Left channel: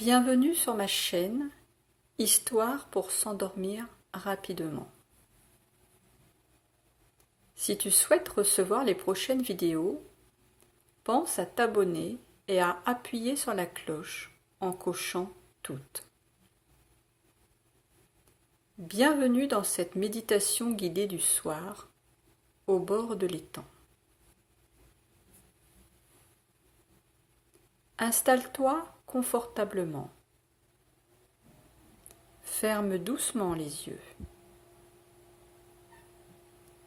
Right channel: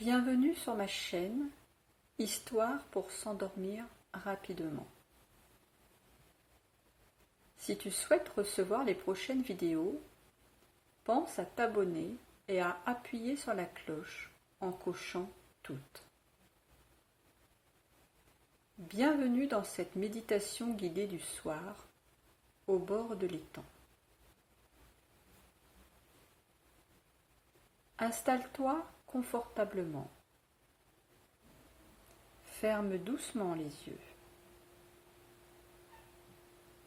Bienvenue sur ma chaîne, Histoire pour s'endormir rapidement. Si tu souhaites recevoir les prochaines vidéos, pense à t'abonner et à appuyer sur la cloche en cochant toutes. Bienvenue dans cette méditation guidée du soir, au bord de l'étang. Installe-toi confortablement. Ferme doucement les yeux.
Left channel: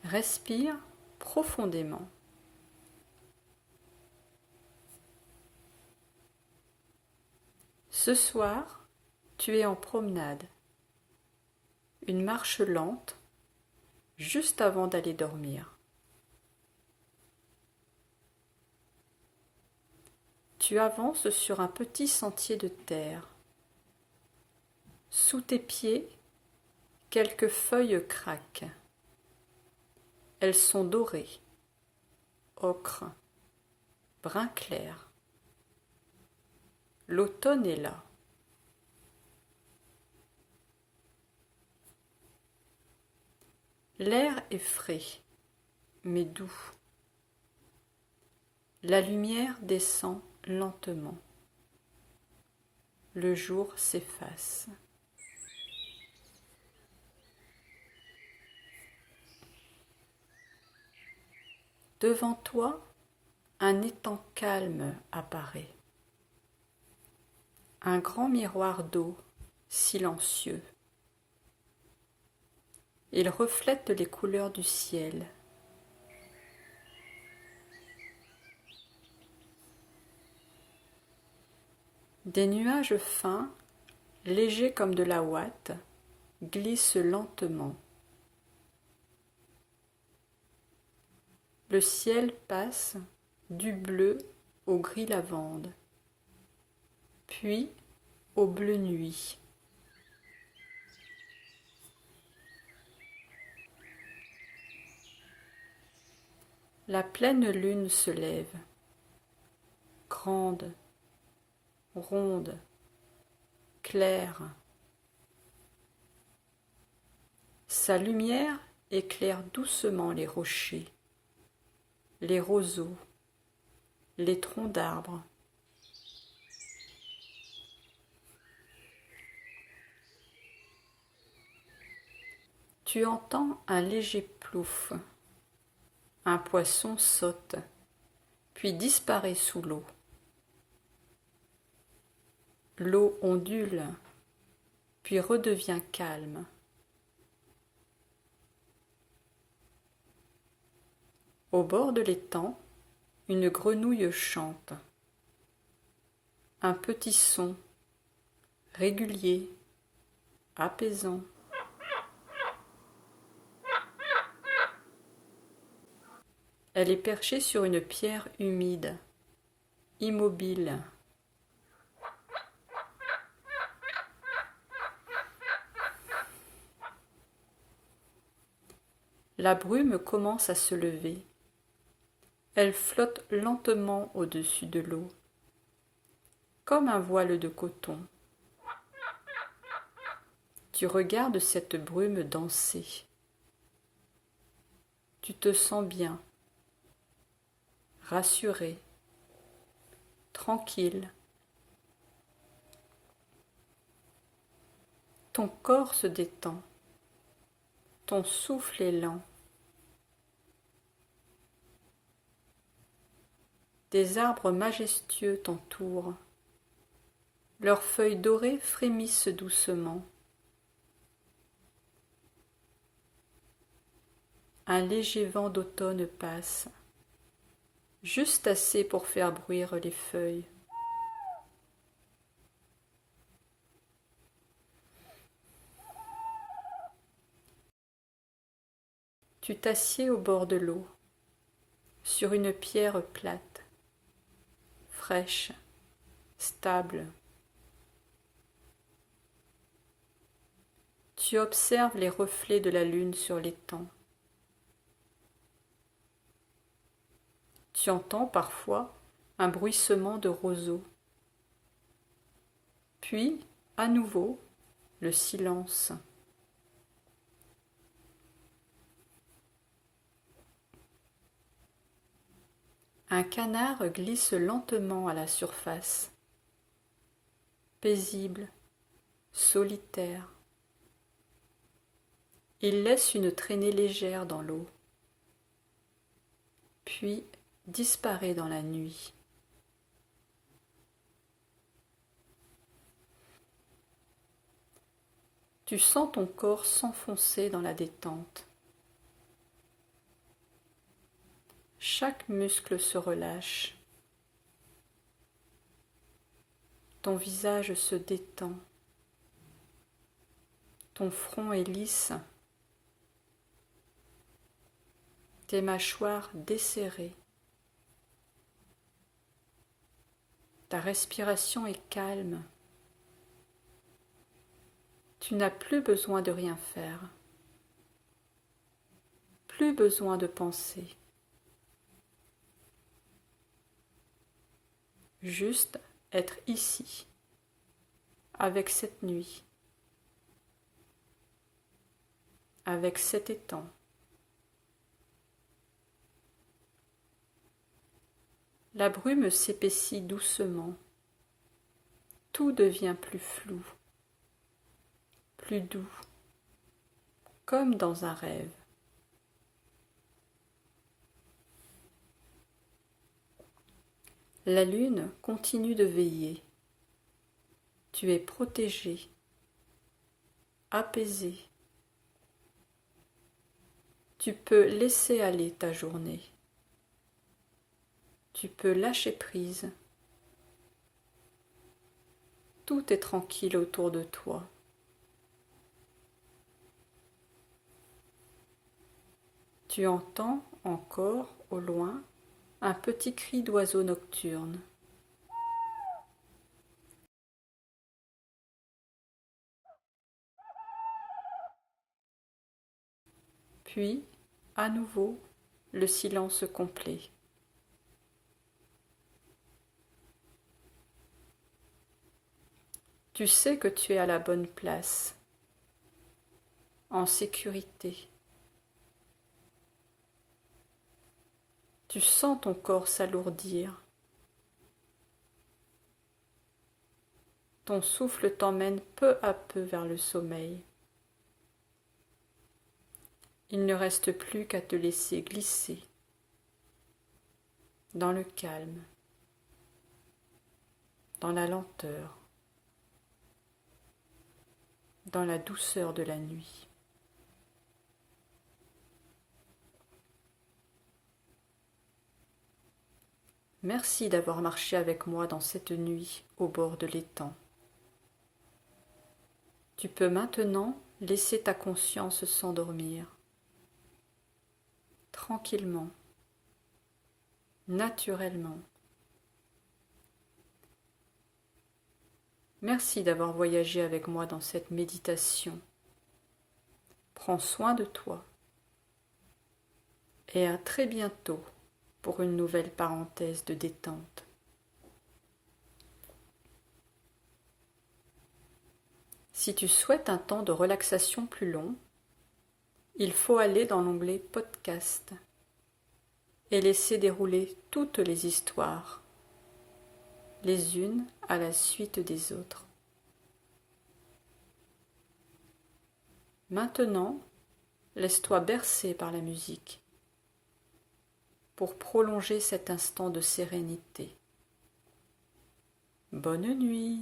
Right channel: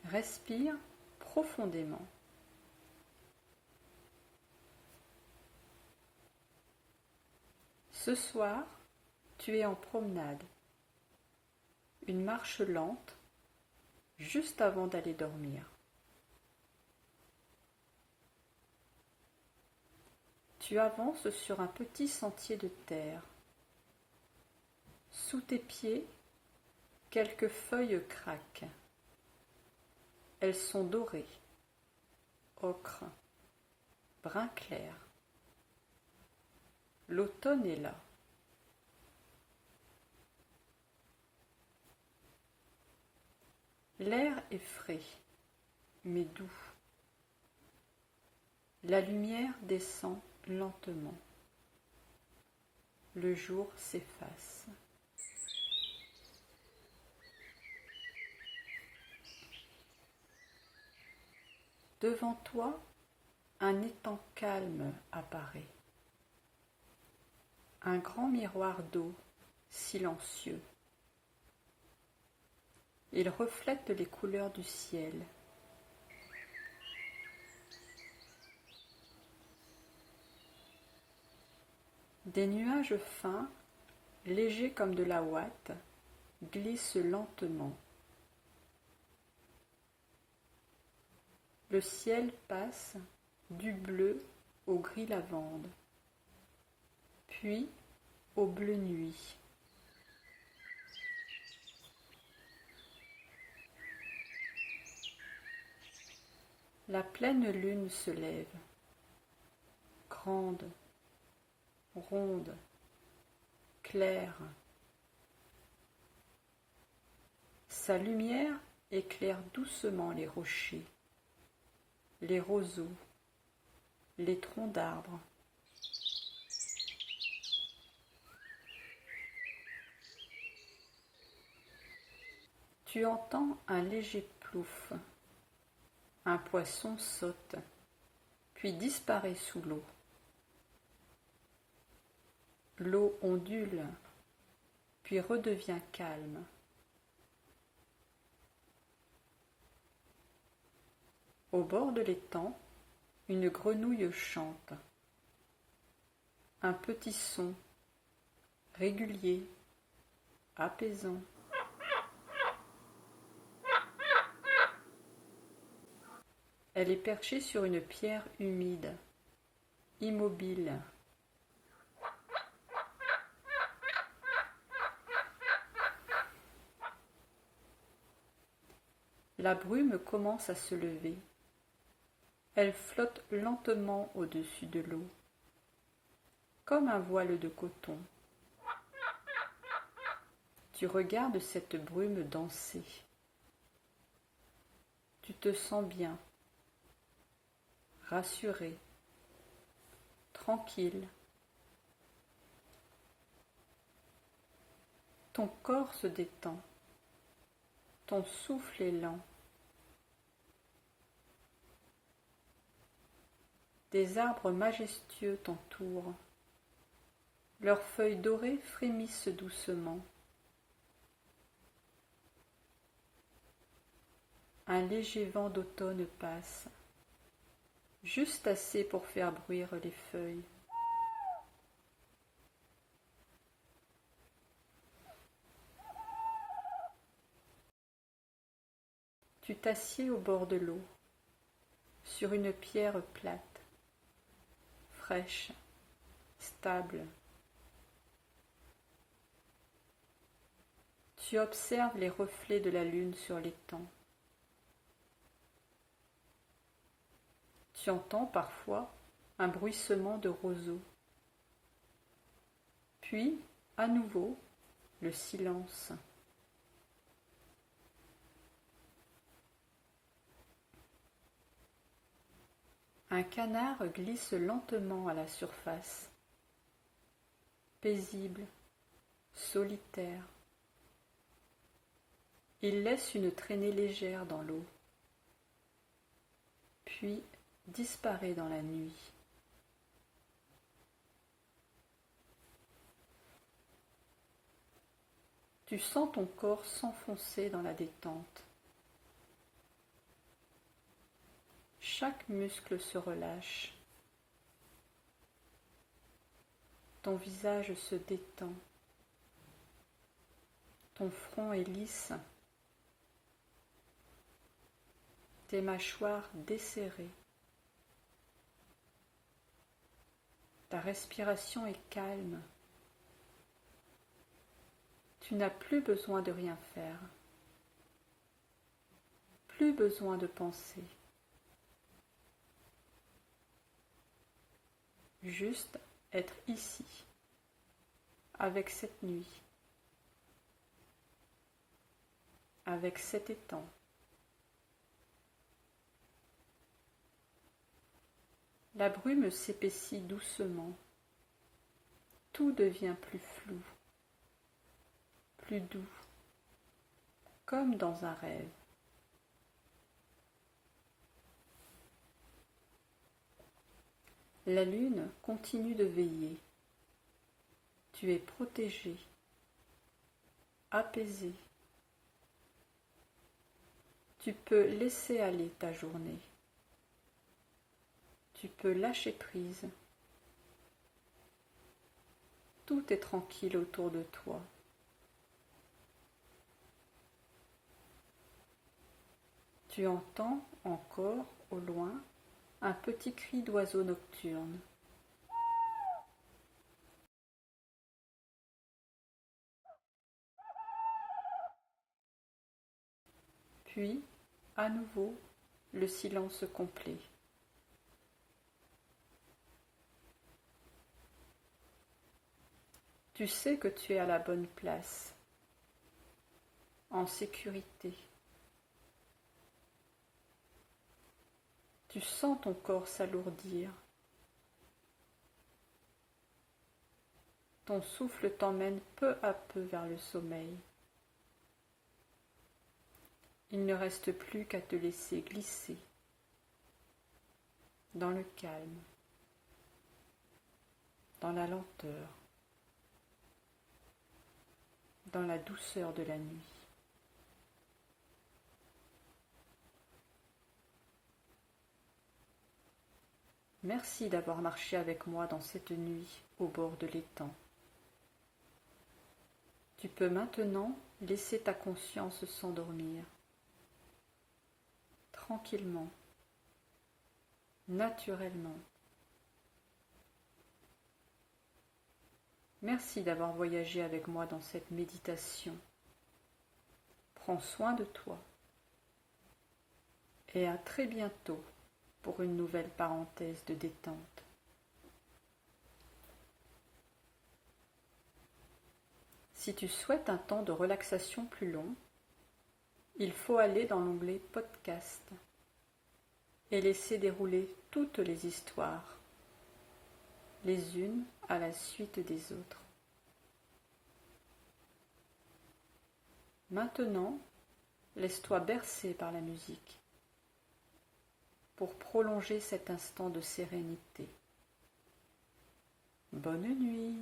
Respire profondément. Ce soir, tu es en promenade. Une marche lente, juste avant d'aller dormir. Tu avances sur un petit sentier de terre. Sous tes pieds, quelques feuilles craquent. Elles sont dorées, ocre, brun clair. L'automne est là. L'air est frais, mais doux. La lumière descend lentement. Le jour s'efface. Devant toi, un étang calme apparaît. Un grand miroir d'eau, silencieux. Il reflète les couleurs du ciel. Des nuages fins, légers comme de la ouate, glissent lentement. Le ciel passe du bleu au gris lavande, puis au bleu nuit. La pleine lune se lève, grande, ronde, claire. Sa lumière éclaire doucement les rochers, les roseaux, les troncs d'arbres. Tu entends un léger plouf. Un poisson saute, puis disparaît sous l'eau. L'eau ondule, puis redevient calme. Au bord de l'étang, une grenouille chante. Un petit son, régulier, apaisant. Elle est perchée sur une pierre humide, immobile. La brume commence à se lever. Elle flotte lentement au-dessus de l'eau, comme un voile de coton. Tu regardes cette brume danser. Tu te sens bien, rassuré, tranquille. Ton corps se détend, ton souffle est lent. Des arbres majestueux t'entourent. Leurs feuilles dorées frémissent doucement. Un léger vent d'automne passe, juste assez pour faire bruire les feuilles. Tu t'assieds au bord de l'eau, sur une pierre plate, fraîche, stable. Tu observes les reflets de la lune sur l'étang. Tu entends parfois un bruissement de roseaux. Puis, à nouveau, le silence. Un canard glisse lentement à la surface, paisible, solitaire. Il laisse une traînée légère dans l'eau, puis disparaît dans la nuit. Tu sens ton corps s'enfoncer dans la détente. Chaque muscle se relâche. Ton visage se détend. Ton front est lisse. Tes mâchoires desserrées. Ta respiration est calme. Tu n'as plus besoin de rien faire. Plus besoin de penser. Juste être ici, avec cette nuit, avec cet étang. La brume s'épaissit doucement. Tout devient plus flou, plus doux, comme dans un rêve. La lune continue de veiller. Tu es protégé, apaisé. Tu peux laisser aller ta journée. Tu peux lâcher prise. Tout est tranquille autour de toi. Tu entends encore au loin un petit cri d'oiseau nocturne. Puis, à nouveau, le silence complet. Tu sais que tu es à la bonne place, en sécurité. Tu sens ton corps s'alourdir. Ton souffle t'emmène peu à peu vers le sommeil. Il ne reste plus qu'à te laisser glisser dans le calme, dans la lenteur, dans la douceur de la nuit. Merci d'avoir marché avec moi dans cette nuit au bord de l'étang. Tu peux maintenant laisser ta conscience s'endormir, tranquillement, naturellement. Merci d'avoir voyagé avec moi dans cette méditation. Prends soin de toi et à très bientôt pour une nouvelle parenthèse de détente. Si tu souhaites un temps de relaxation plus long, il faut aller dans l'onglet Podcast et laisser dérouler toutes les histoires, les unes à la suite des autres. Maintenant, laisse-toi bercer par la musique pour prolonger cet instant de sérénité. Bonne nuit.